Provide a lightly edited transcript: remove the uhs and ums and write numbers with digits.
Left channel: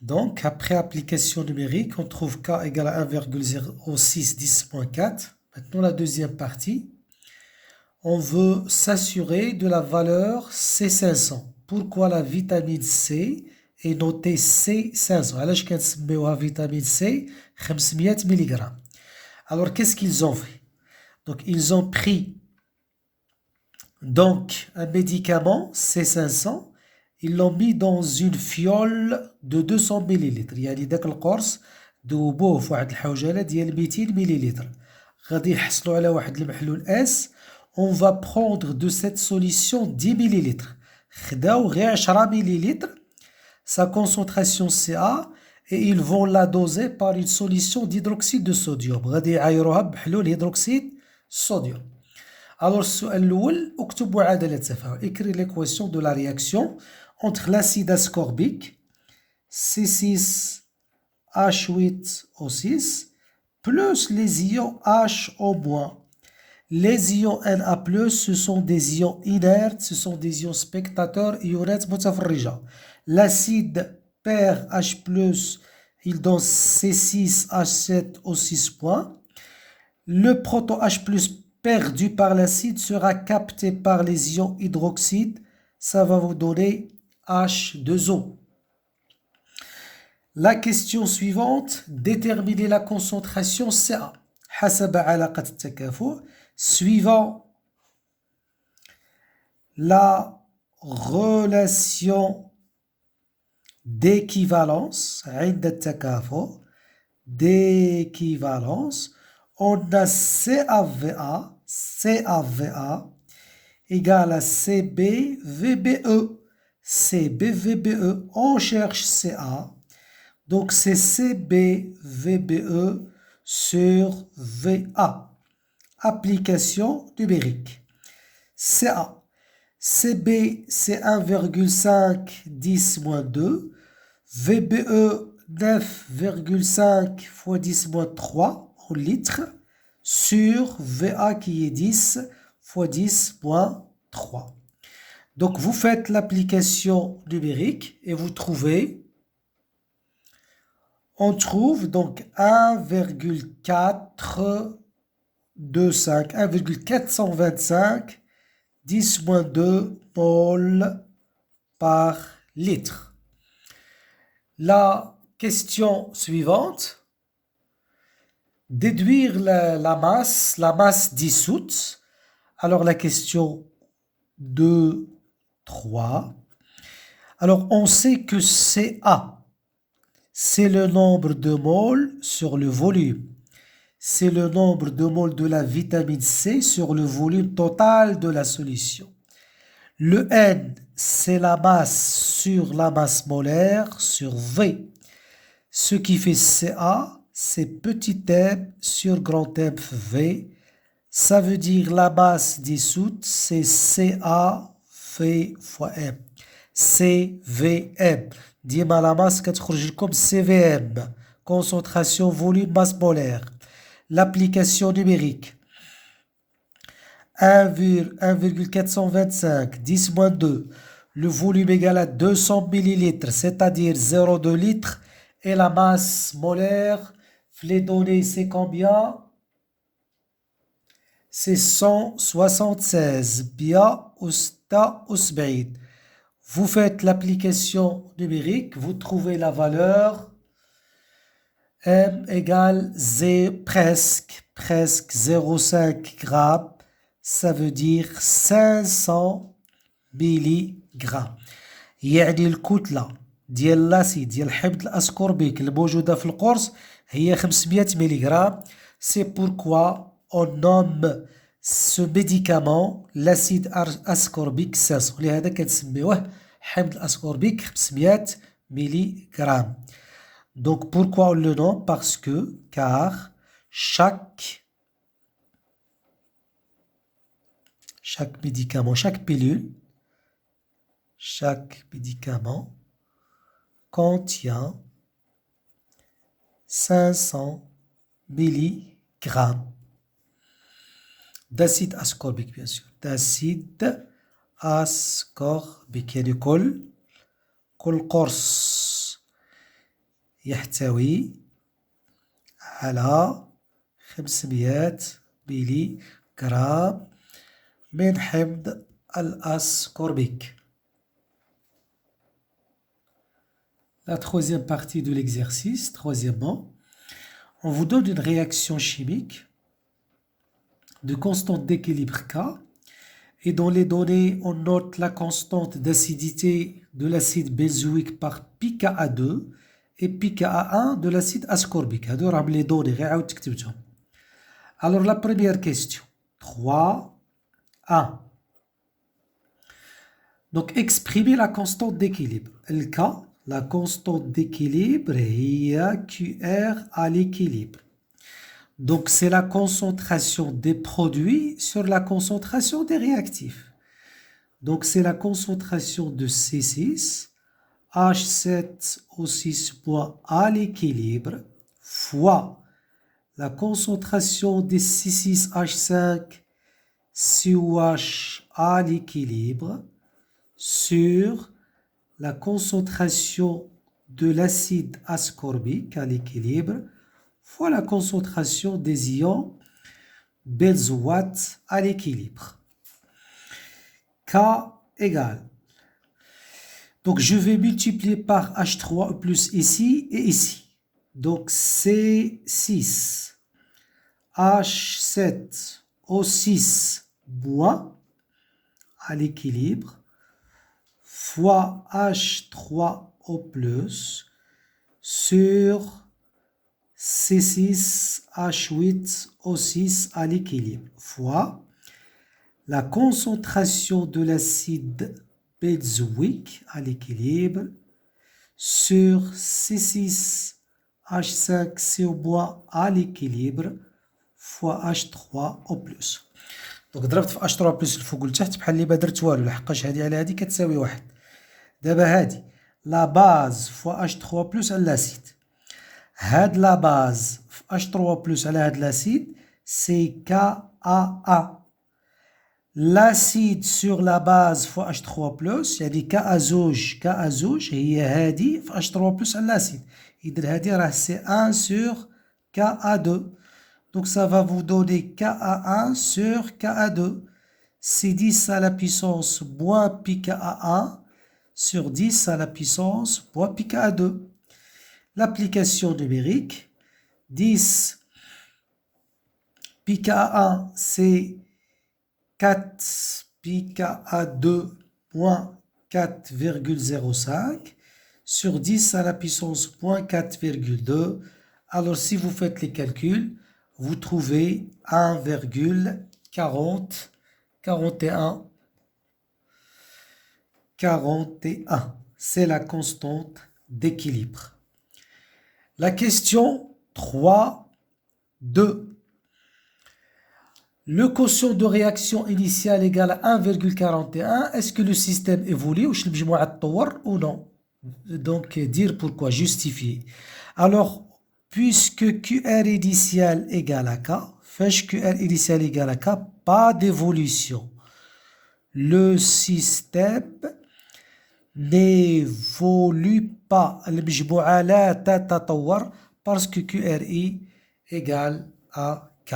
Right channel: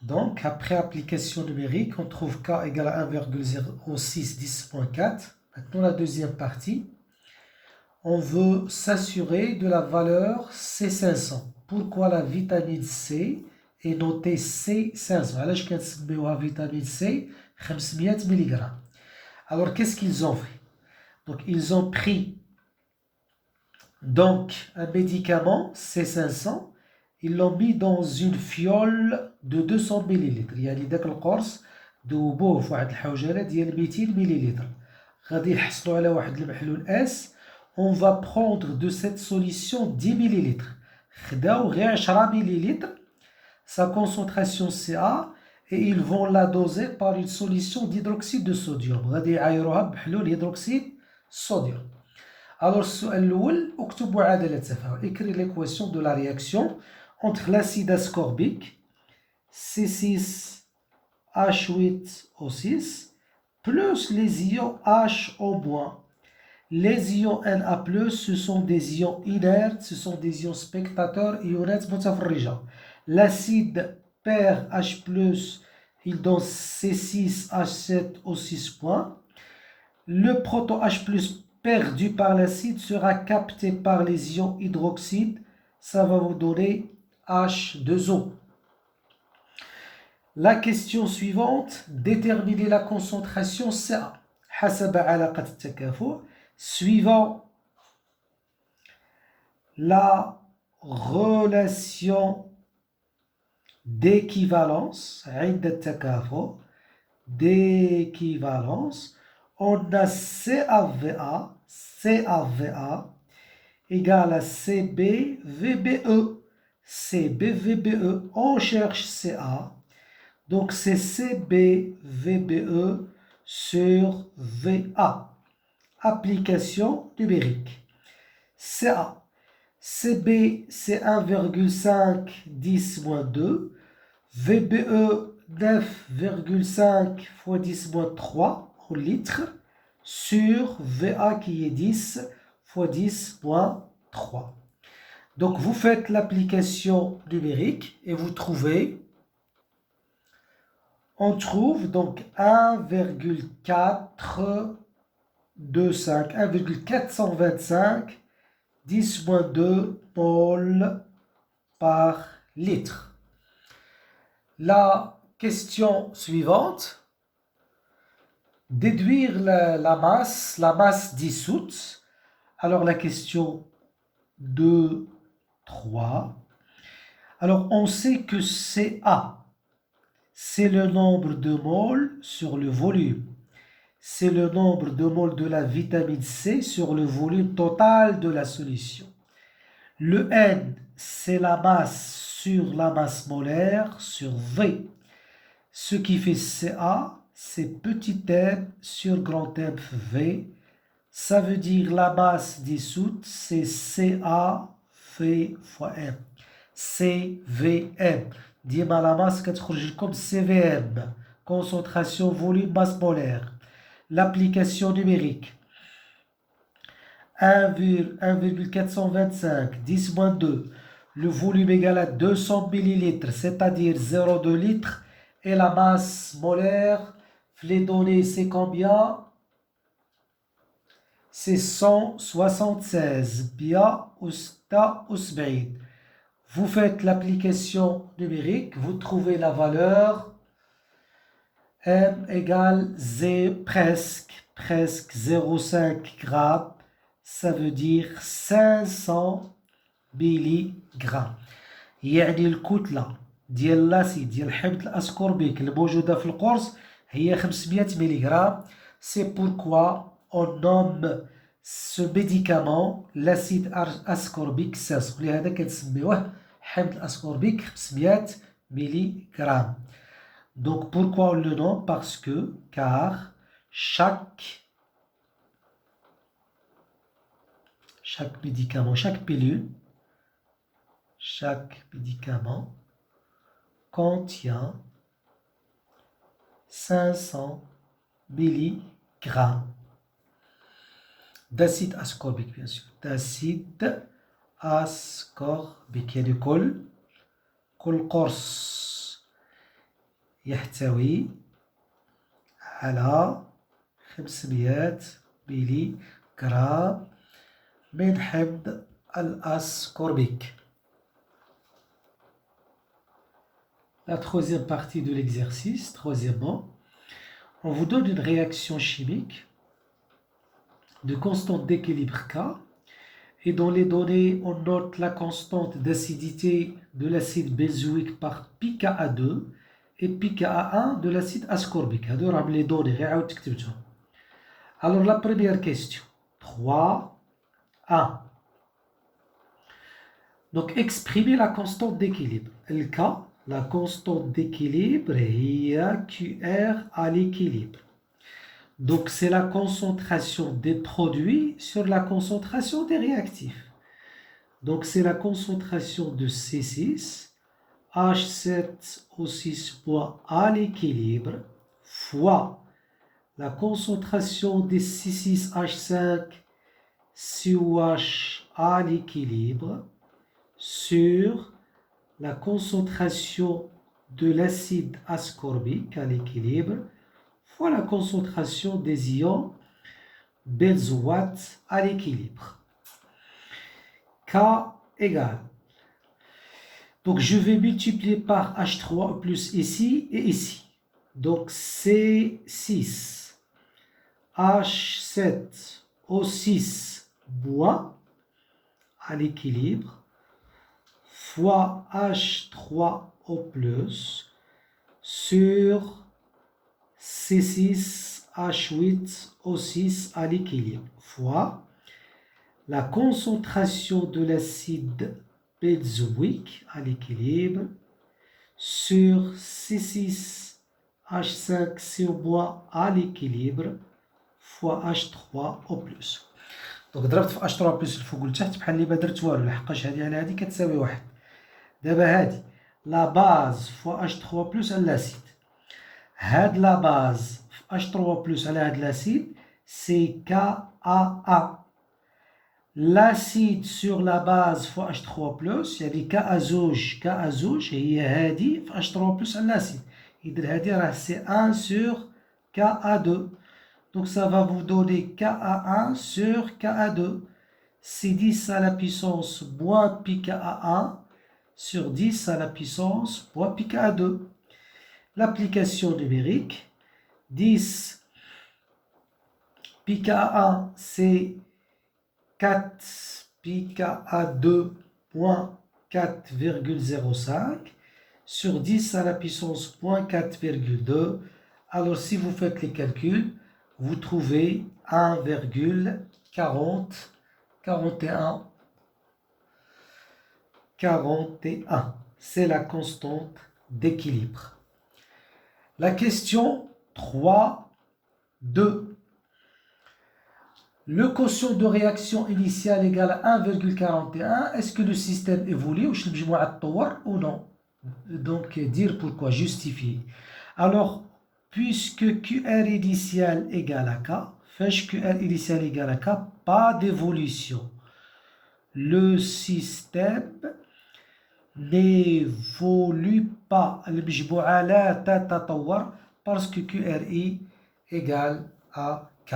Donc, après application numérique, on trouve K égale à 1,0610.4. Maintenant, la deuxième partie. On veut s'assurer de la valeur C500. Pourquoi la vitamine C est notée C500? علاش كنسميوها vitamine C 500 mg. Alors, qu'est-ce qu'ils ont fait? Donc, ils ont pris donc un médicament C500, ils l'ont mis dans une fiole de 200 ml. يعني داك القرص ذوبوه في واحد الحوجله ديال 200 ملل. غادي يحصلوا على واحد المحلول S. On va prendre de cette solution 10 ml. خداو غير 10 ml, sa concentration CA, et ils vont la doser par une solution d'hydroxyde de sodium. غادي يعايروها بحلول هيدروكسيد الصوديوم. Alors, السؤال الأول اكتب معادلة تفاعل. Écrire l'équation de la réaction entre l'acide ascorbique C6H8O6 plus les ions HO-. Les ions Na+, ce sont des ions inertes, ce sont des ions spectateurs, ionات متفرجة. L'acide pair H+, il donne C6H7O6 . Le proton H+, perdu par l'acide sera capté par les ions hydroxyde. Ça va vous donner H2O. La question suivante, déterminer la concentration CA. حسب علاقة التكافؤ. Suivant la relation d'équivalence, عند التكافؤ, d'équivalence, on a CAVA égale à CBVBE. CBVBE, on cherche CA. Donc c'est CBVBE sur VA. Application numérique. CA. CB, c'est 1,510-2. VBE, 9,5 fois 10-3 en litres sur VA qui est 10 fois 10-3. Donc vous faites l'application numérique et vous trouvez, on trouve donc 1,425 10-2 mol par litre. La question suivante, déduire la masse dissoute. Alors la question 2, 3. Alors on sait que CA, c'est le nombre de moles sur le volume. C'est le nombre de moles de la vitamine C sur le volume total de la solution. Le N, c'est la masse sur la masse molaire sur V. Ce qui fait CA, c'est petit m sur grand M V. Ça veut dire la masse dissoute, c'est CaV fois M. CVM. ديما la masse كتخرج لكم CVM. Concentration, volume, masse molaire. L'application numérique. 1,425 10-2. Le volume égal à 200 ml, c'est-à-dire 0,2 litres. Et la masse molaire, les données, c'est combien? C'est 176. Bien, Osta, Osbeid. Vous faites l'application numérique, vous trouvez la valeur M égale presque 0,5 grammes, ça veut dire 500 ملغ. يعني الكتلة ديال الاسيد ديال حمض الاسكوربيك الموجودة في القرص هي 500 ملغ. C'est pourquoi on nomme ce médicament l'acide ascorbique 500. لهذا كنسميوه حمض الاسكوربيك 500 ملغ. Donc pourquoi on le nomme? Parce que, car chaque médicament, chaque pilule, chaque médicament contient 500 mg d'acide ascorbique, bien sûr. D'acide ascorbique. يعني كل قرص يحتوي على 500 ميلي غرام من حمض الأسكوربيك. La troisième partie de l'exercice, troisièmement, on vous donne une réaction chimique de constante d'équilibre K et dans les données, on note la constante d'acidité de l'acide benzoïque par pKa2 et pKa1 de l'acide ascorbique. هادو راهم les données غير عاود تكتبتهم. Alors la première question, 3, 1. Donc exprimer la constante d'équilibre. Le K, la constante d'équilibre est QR à l'équilibre. Donc c'est la concentration des produits sur la concentration des réactifs. Donc c'est la concentration de C6, H7O6 à l'équilibre fois la concentration des C6H5 COH à l'équilibre sur la concentration de l'acide ascorbique à l'équilibre fois la concentration des ions benzoate à l'équilibre. K égale. Donc je vais multiplier par H3 plus ici et ici. Donc C6 H7O6 moins à l'équilibre fois H3O plus sur C6H8O6 à l'équilibre fois la concentration de l'acide benzoïque à l'équilibre sur C6H5CO- à l'équilibre fois H3O+. دونك ضربت في H3 بلس الفوق لتحت بحال اللي ما درت والو لحقاش هادي على هادي كتساوي واحد. دابا هادي لا باز فوا H3 بلس على لاسيد. هاد لا باز في H3 بلس على هاد لاسيد سي KA1. l'acide sur la base fois H3+, يعني Ka2 هي هادي في H3+ على l'acide. إذن هادي راه c'est 1 sur Ka2. Donc ça va vous donner Ka1 sur Ka2. C'est 10 à la puissance moins pi Ka1 sur 10 à la puissance moins pi Ka2. L'application numérique, 10 pi Ka1 c'est 4 pi Ka2 moins 4,05 sur 10 à la puissance moins 4,2. Alors si vous faites les calculs, vous trouvez 1,41. C'est la constante d'équilibre. La question 3, 2. Le quotient de réaction initiale égale à 1,41. Est-ce que le système évolue ou non? Donc, dire pourquoi, justifier. Alors, puisque QR initial égale à K, fèche QR initial égale à K, pas d'évolution. Le système n'évolue pas. المجموعة لا تتطور parce que QRI égale à K.